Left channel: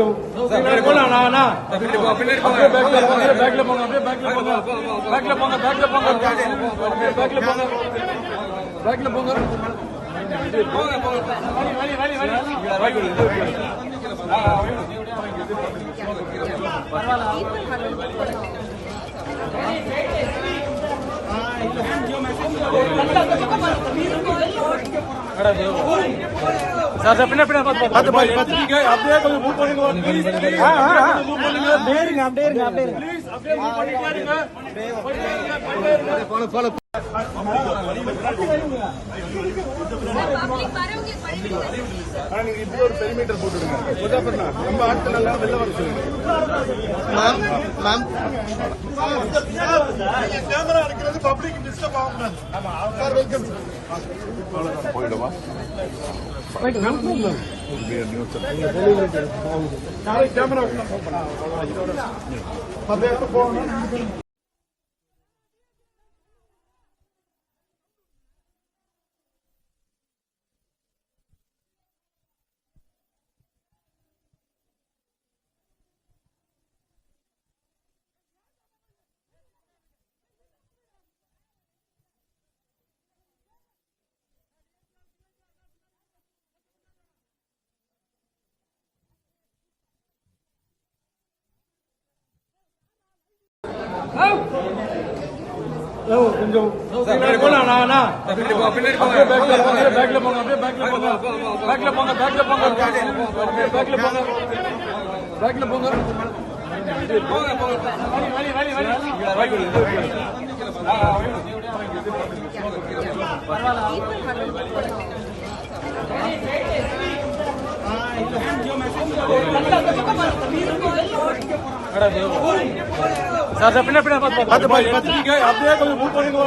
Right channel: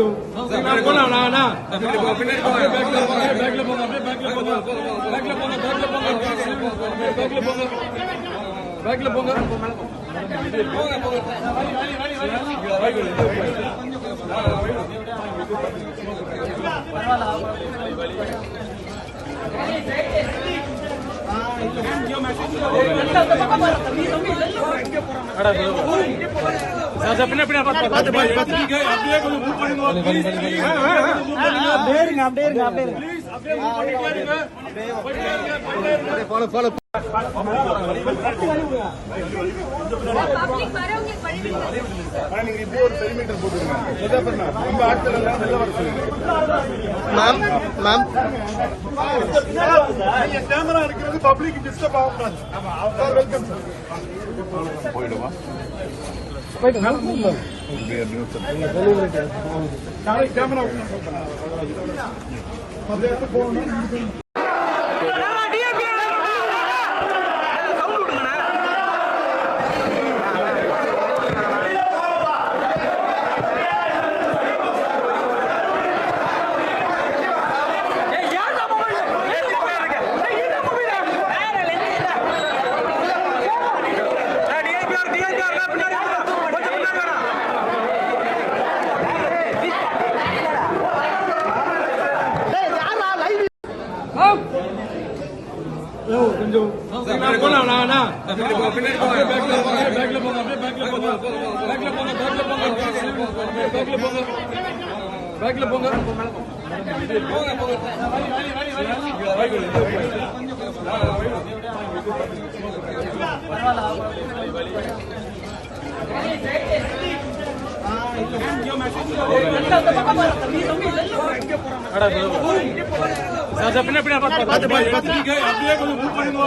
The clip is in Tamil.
கொஞ்சம் பேக்ல போங்க சார் பின்ன அப்படியே கொஞ்சம் மூவ் பண்ணுங்க நீங்க இப்படி ஒரு பெரிமீட்டர் போட்டுருங்க. நம்ம ஆட்கள் எல்லாம் வெளில வர சொல்லுங்க. மேம் கேமரா இருக்கிறது பப்ளிக் டிஸ்டர்ப் ஆகக்கூடாது. Sir welcome. போயிடுவா நாளைக்கு கேமரா போகணும். கொஞ்சம் பேக்ல போங்க சார் பின்ன அப்படியே கொஞ்சம் மூவ் பண்ணுங்க.